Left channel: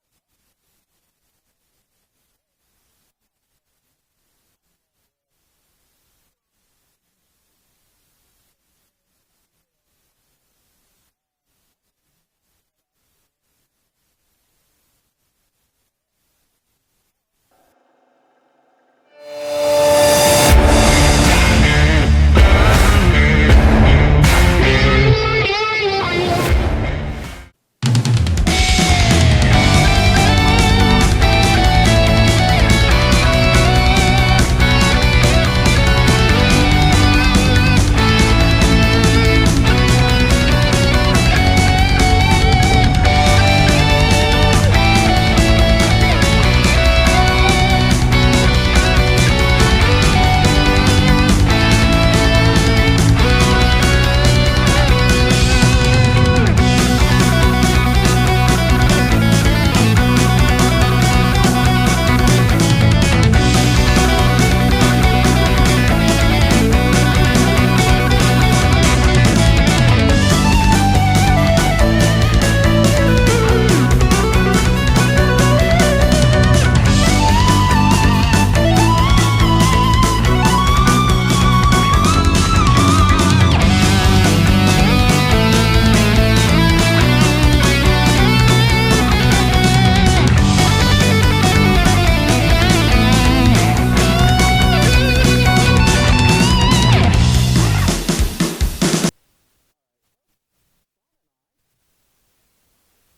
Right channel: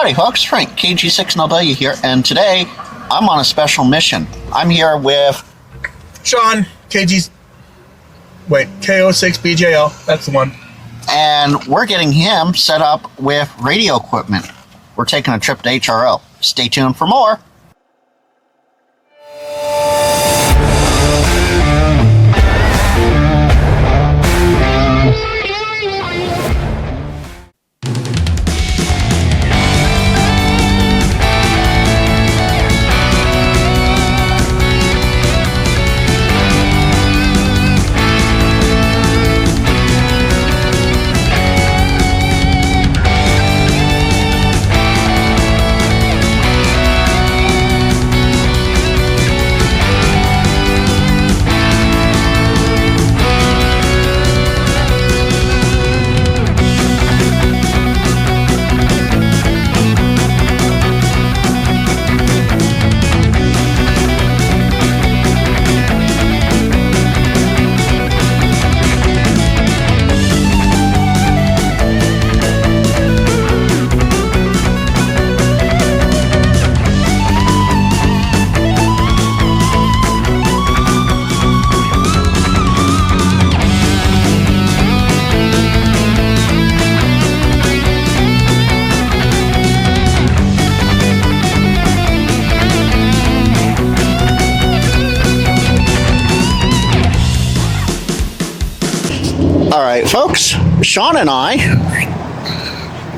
Howdy folks, Frank, KG6NW here, and today I'm on a special mission. I'm here with Sean, KO6BJL, that's the one. And we're getting him set up with radio equipment. We're taking a trip to HRO. Stay tuned for more. Folks, Sean and I,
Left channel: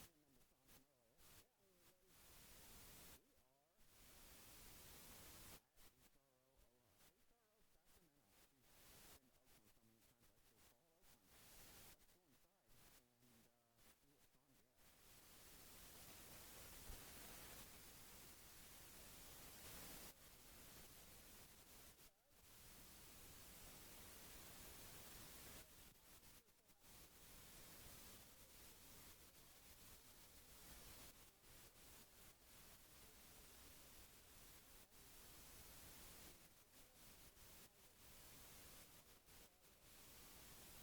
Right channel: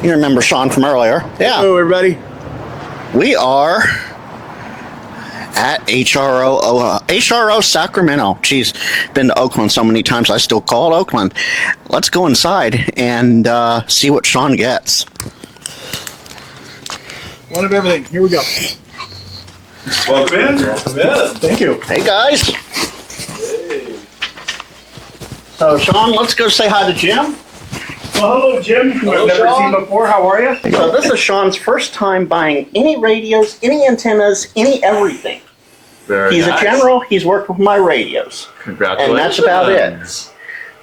you remember Sean from earlier. Yeah. Hello, everybody. We are at HRO Sacramento. Geez, been to Oakland so many times, I still call it Oakland. Let's go inside and see what Sean gets. One of everything. Here we go. Welcome in. Thank you. Hey, guys. So, Sean, let's go say hi to Jim. Well, hello, Jim, who I've never seen before. How are you? So this is Sean's first time buying any radios, any antennas, any everything. He's a general. He's worked with my radios. Congratulations. And that's about it.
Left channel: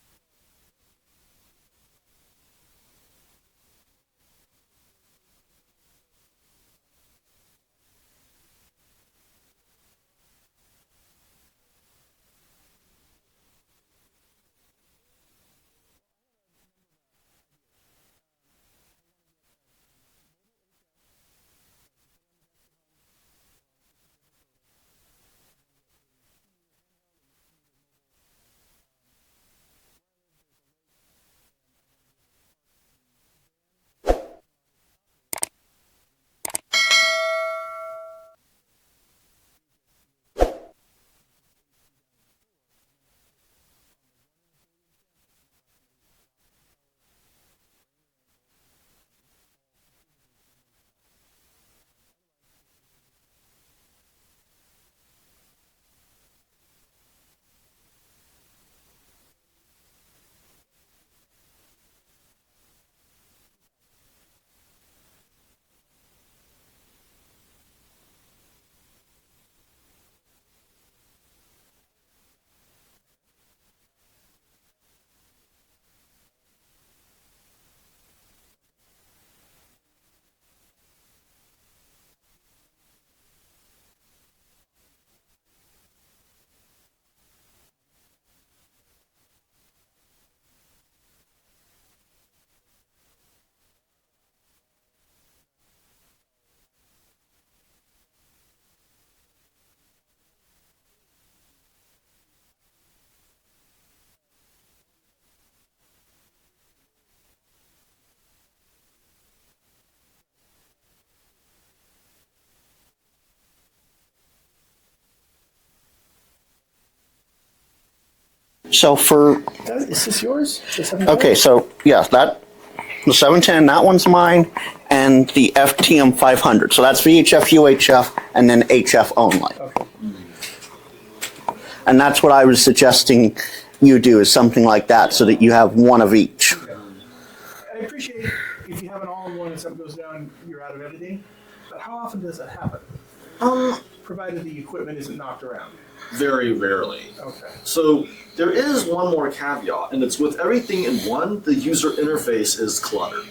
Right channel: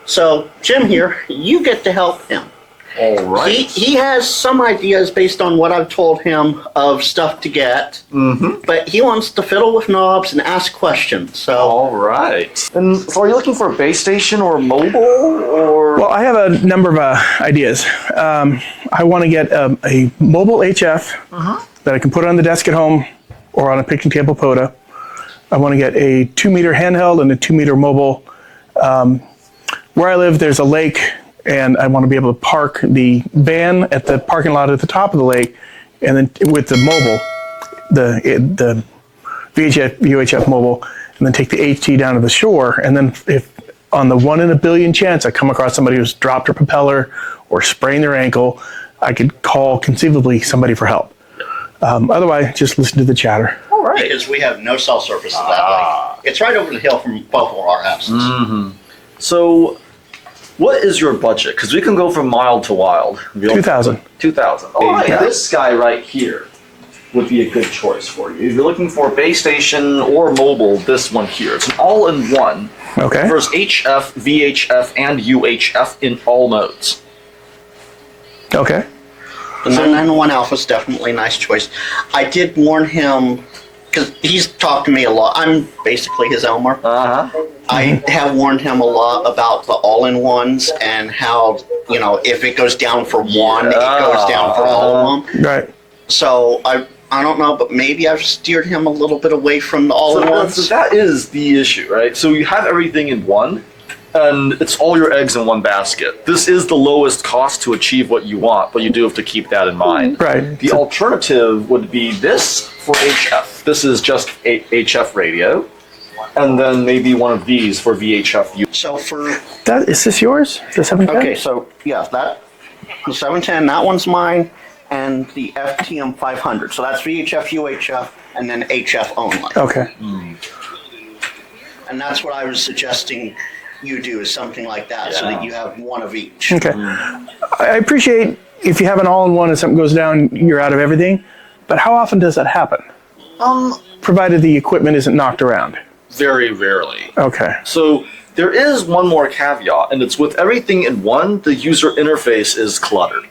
So, Jim here, you get to help him. All right. He has some ideas based on what I've told him of stuff to get, but he wants to fiddle with knobs and ask questions. So, all right. And so, are you looking for a base station or mobile, or? Well, I have a number of ideas. I want to get a mobile HF that I can put on the desk at home or on a picnic table POTA. I want to get a 2-meter handheld and a 2-meter mobile. Where I live, there's a lake, and I want to be able to park the van at the parking lot at the top of the lake, and then with the mobile, the VHF, UHF mobile, and then take the HT down to the shore. And then if on the 1 in a billion chance I come across somebody who's dropped their propeller or sprained their ankle, I could call conceivably somebody for help. Otherwise, just listen to the chatter. all right. Because we have no cell services that lake. It's right over the hill from both of our houses. So, what is your budget? Because we can go from mild to wild. 2,000. 2,000. All right. Yeah. This guy right here would be a good choice for you. If you're looking for a base station or mobile, this one here. It's an all-in-one. Okay. Covers HF, VHF, and UHF in all modes. Okay. The 991 Alpha is definitely a nice choice. I did warn him, because he's talked to me a lot. I'm basically his Elmer. I have warned him a lot about the all-in-ones and how, you know, if it goes down for one, it goes down for all of them. Right. So I don't know, but maybe I've steered him a little bit away from the all-in-ones. So that is the issue, right? So you have everything in one, and it's all your eggs in one basket. This is the lowest cost to achieve what you want, but you do have to keep that in mind. Right. The alternative would be this for HF. This is just a HF radio, and then maybe one of these for VHF. So for... Is this yours? The 710? Okay, so yeah, the 710, that one's mine, and the FTM 500. So that's VHF, UHF, and then HF only. Okay. And that's what I was suggesting you do, is something like that, so that you have one of each. Okay. I appreciate if you have an all-in-one and something goes down, you're out of everything. But how often does that happen? Provided the equipment isn't knocked around. Very rarely. Okay. So there is one more caveat, and it's with everything in one, the user interface is cluttered.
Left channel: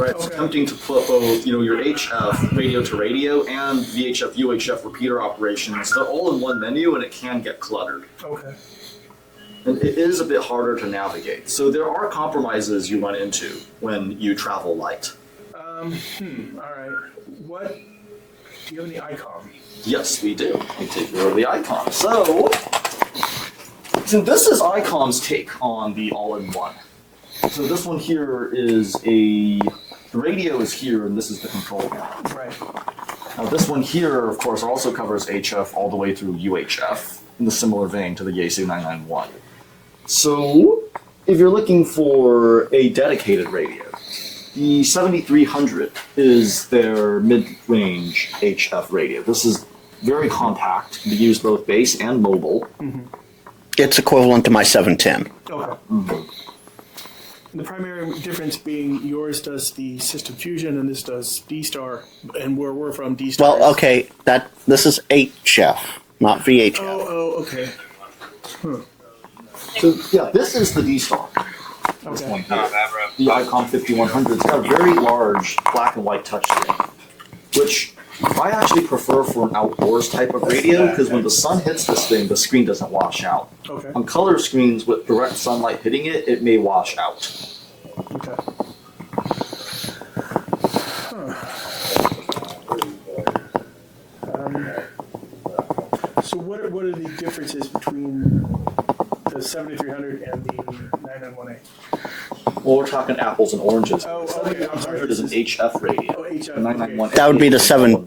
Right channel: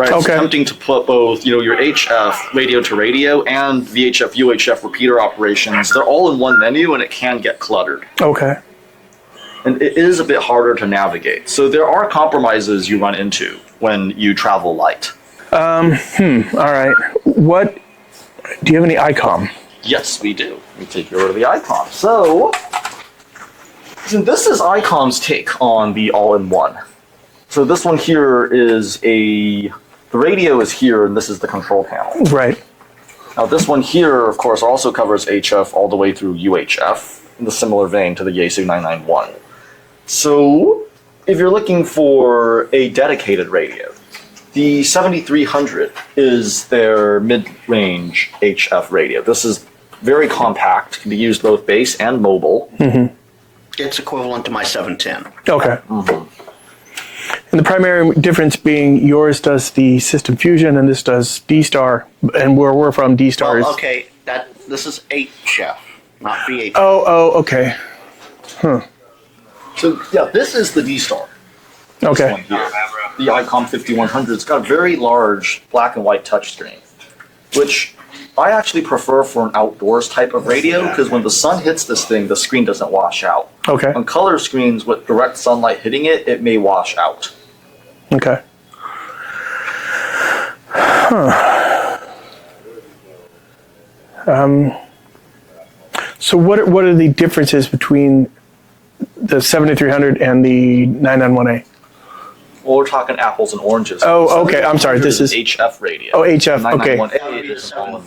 right? It's Okay. attempting to put both, your HF radio to radio and VHF UHF repeater operations. They're all in one menu, and it can get cluttered. Okay. And it is a bit harder to navigate. So there are compromises you run into when you travel light. All right. Do you have any Icom? Yes, we do. We take over the Icom. So this is Icom's take on the all-in-one. So this one here is the radio is here, and this is the control panel. Right. Now this one here, of course, also covers HF all the way through UHF, in the similar vein to the Yaesu 991. So if you're looking for a dedicated radio, the 7300 is their mid-range HF radio. This is very compact, can be used both base and mobile. Mm-hmm. It's equivalent to my 710. Okay. And the primary difference being yours does the system fusion and this does D-Star, and where we're from, D-Star is... Well, okay, this is HF, not VHF. Oh, okay. Huh. So yeah, this is the D-Star. This Okay. one here. The Icom 5100. It's got a very large black and white touchscreen, which I actually prefer for an outdoors type of radio because when the sun hits this thing, the screen doesn't wash out. Okay. On color screens with direct sunlight hitting it, it may wash out. Okay. So what are the differences between the 7300 and the 991A? Well, we're talking apples and oranges. Oh, okay. I'm sorry. This is HF radio. Oh, HF, okay. 991A That would be the is 7-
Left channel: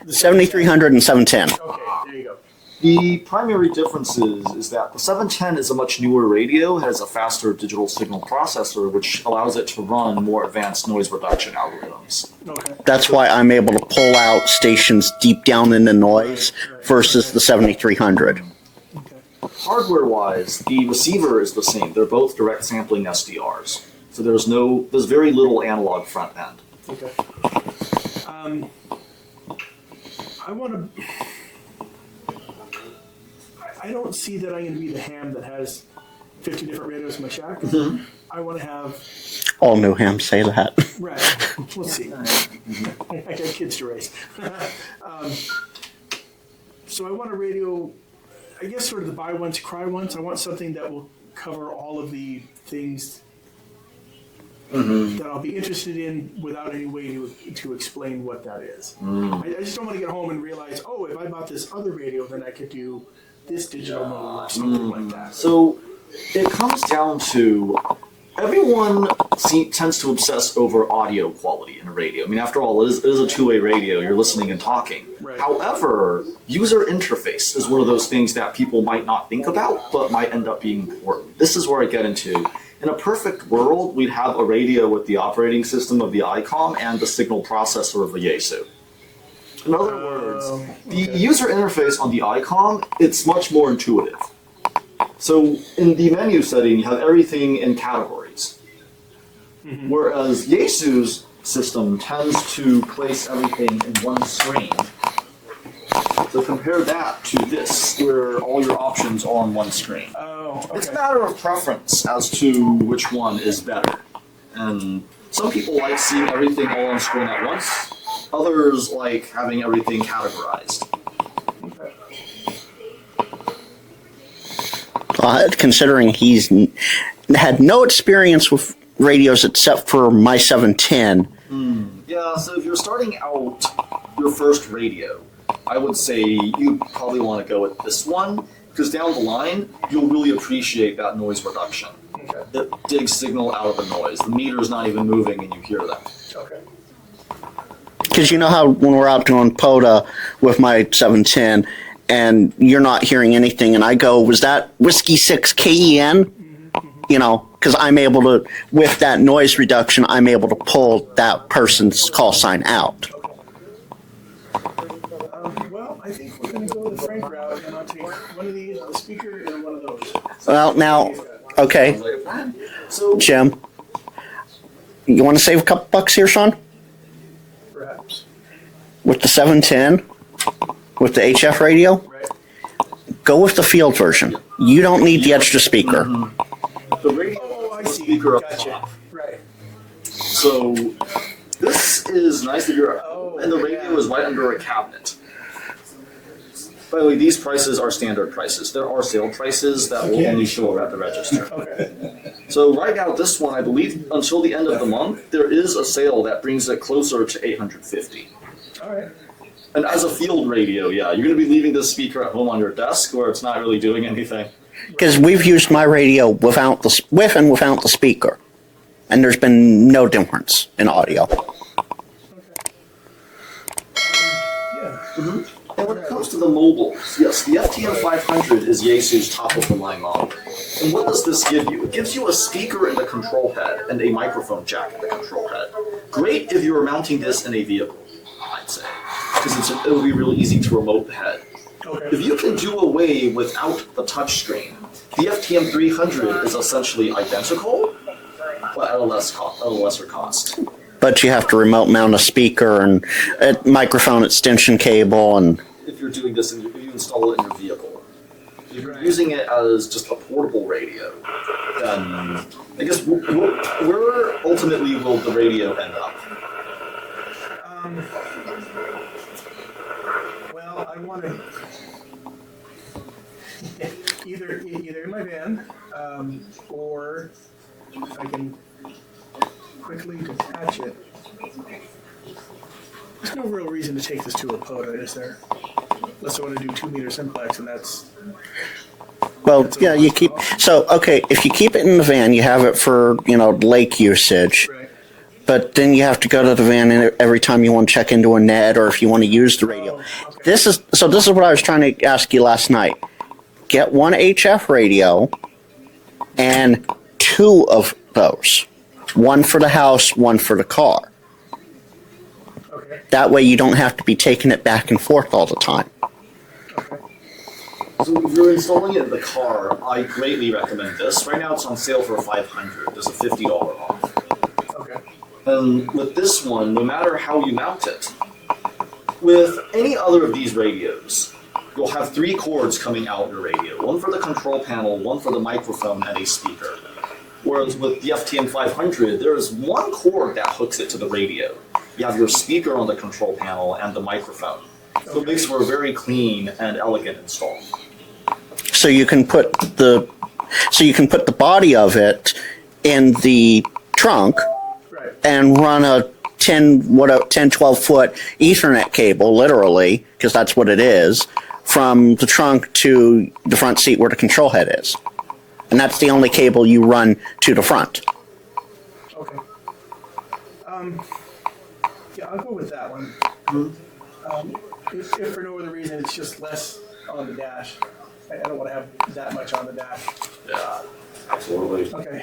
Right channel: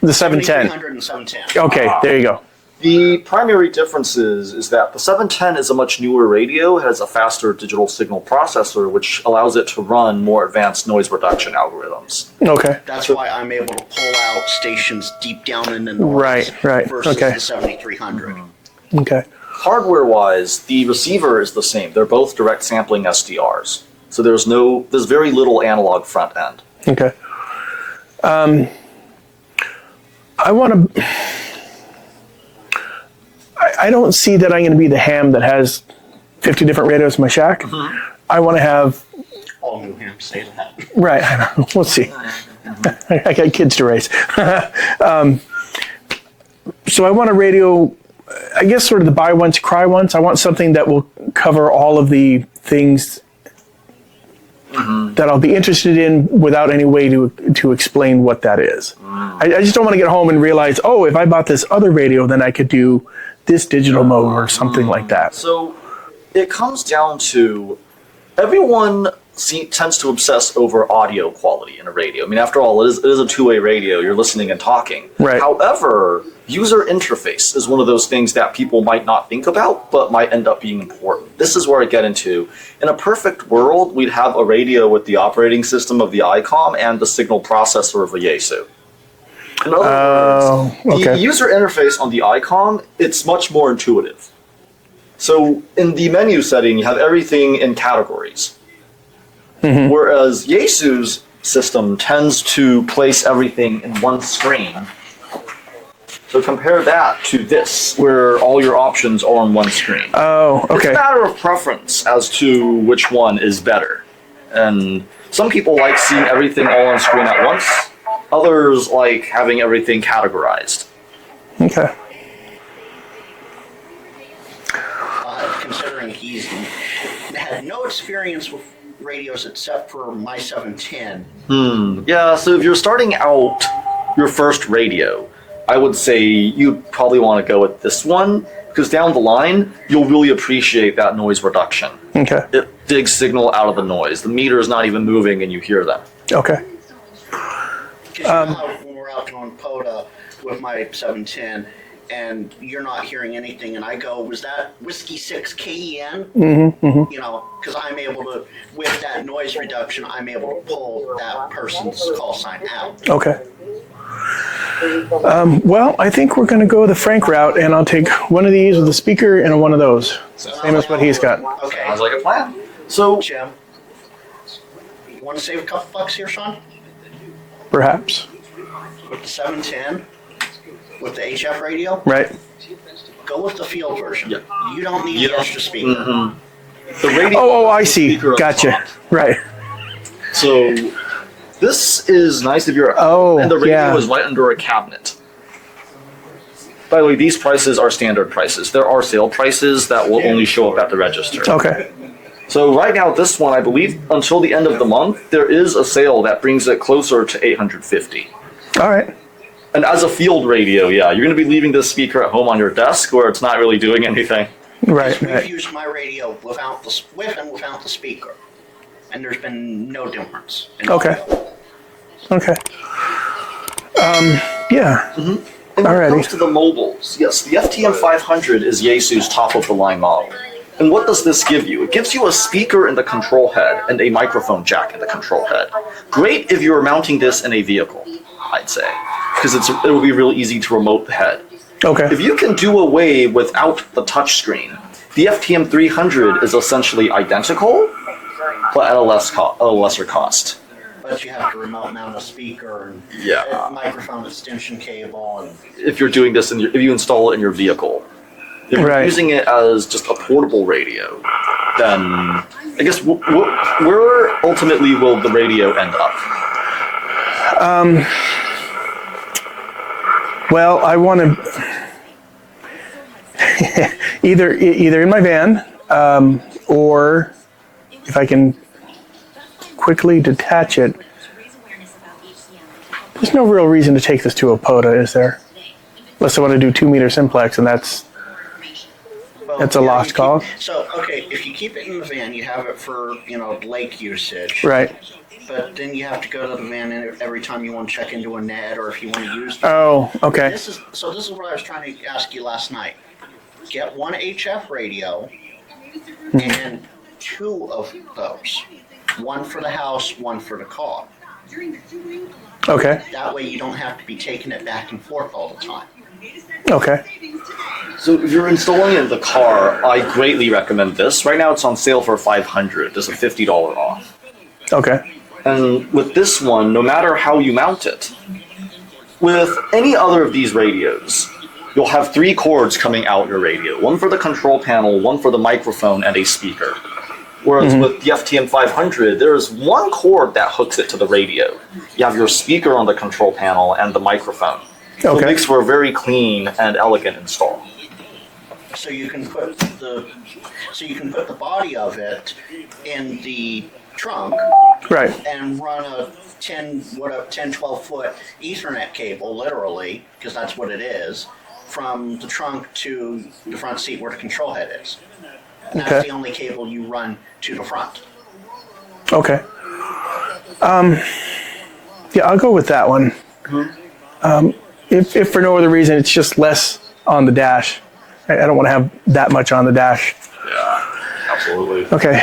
the 710. 7300 and 710. Okay, there you go. The primary difference is that the 710 is a much newer radio, has a faster digital signal processor, which allows it to run more advanced noise reduction algorithms. Okay. That's why I'm able to pull out stations deep down in the noise Right, versus okay. the 7300. Okay. Hardware-wise, the receiver is the same. They're both direct sampling SDRs. So there's very little analog front end. Okay. I don't see that I'm going to be the ham that has 50 different radios in my shack. Mm-hmm. I want to have, All new hams say that. right, we'll see. I got kids to raise. So I want a radio, I guess sort of the buy once, cry once. I want something that will cover all of the things that I'll be interested in without any way to explain what that is. I just don't want to get home and realize, oh, if I bought this other radio, then I could do this digital mode or something like that. So it comes down to everyone tends to obsess over audio quality in a radio. I mean, after all, it is a two-way radio. You're listening and talking. Right. However, user interface is one of those things that people might not think about, but might end up being important. This is where I get into. In a perfect world, we'd have a radio with the operating system of the Icom and the signal processor of the Yaesu. In other words, okay. the user interface on the Icom, it's much more intuitive. So in the menu setting, you have everything in categories. Whereas Yaesu's system tends to place everything in one screen. So compare that to this, where all your options are on one screen. Oh, It's a okay. matter of preference as to which one is better. And some people like seeing everything all on screen at once. Others like having everything categorized. Okay. Considering he's had no experience with radios except for my 710. Yeah, so if you're starting out your first radio, I would say you'd probably want to go with this one, because down the line, you'll really appreciate that noise reduction. Okay. It digs signal out of the noise. The meter is not even moving and you hear them. Okay. Because you know how when we're out doing POTA with my 710 and you're not hearing anything and I go, was that Whiskey 6 KEN? You know, because I'm able to, with that noise reduction, I'm able to pull that person's call sign out. Okay. Well, I think we're going to go the Frank route, and I'll take one of these with a speaker and one of those. Well, Same as now, what he's got. okay, Sounds like a plan. So, Jim, you want to save a couple bucks here, son? Perhaps. With the 710, with the HF radio, Right. go with the field version. You don't need the extra speaker. the radio. Oh, I see. Speaker up Gotcha. top. Right. So, This is nice if you're. Oh, and the radio yeah. is right under a cabinet. By the way, these prices are standard prices. There are sale prices that will only show up at the register. Okay. So right now, this one, I believe, until the end of the month, there is a sale that brings it closer to $850. All right. And as a field radio, yeah, you're going to be leaving this speaker at home on your desk where it's not really doing anything. Because Right. we've used my radio with and without the speaker, and there's been no difference in Okay. audio. Okay. Yeah. And when it Alrighty. comes to the mobiles, yes, the FTM 500 is Yaesu's top-of-the-line model. And what does this give you? It gives you a speaker in the control head and a microphone jack in the control head. Great if you're mounting this in a vehicle, I'd say, because it'll be really easy to remote the head. Okay. If you can do away without the touchscreen, the FTM 300 is essentially identical, but at a lesser cost. But you have to remote mount a speaker and Yeah. a microphone extension cable, and If you're doing this, if you install it in your vehicle, if you're Right. using it as just a portable radio, then I guess where ultimately will the radio end up? Well, I want to either in my van, or if I can quickly detach it. There's no real reason to take this to a POTA, is there? Unless I want to do 2 meter simplex, and that's well, That's a yeah, lost you keep, cause. So okay, if you keep it in the van, you have it for lake usage. right. But then you have to go to the van every time you want to check into a net, or if you want to use the radio. Oh, okay. This is what I was trying to ask you last night. Get one HF radio and 2 of those. One for the house, one for the car. Okay. That way you don't have to be taking it back and forth all the time. Okay. So if you're installing it in the car, I greatly recommend this. Right now it's on sale for $500. There's a $50 off. Okay. And with this one, no matter how you mount it, with any other of these radios, you'll have 3 cords coming out your radio. One for the control panel, one for the microphone, and a speaker. Whereas with the FTM 500, there's one cord that hooks it to the radio. You have your speaker on the control panel and the microphone. So Okay. it makes for a very clean and elegant install. So you can put the body of it in the trunk Right. and run a 12 foot Ethernet cable, literally, because that's what it is, from the trunk to the front seat where the control head is. And that's Okay. the only cable you run to the front. Okay. Yeah, I'll go with that one. If for no other reason, it's just less on the dash. I don't want to have that much on the dash. Absolutely. Okay.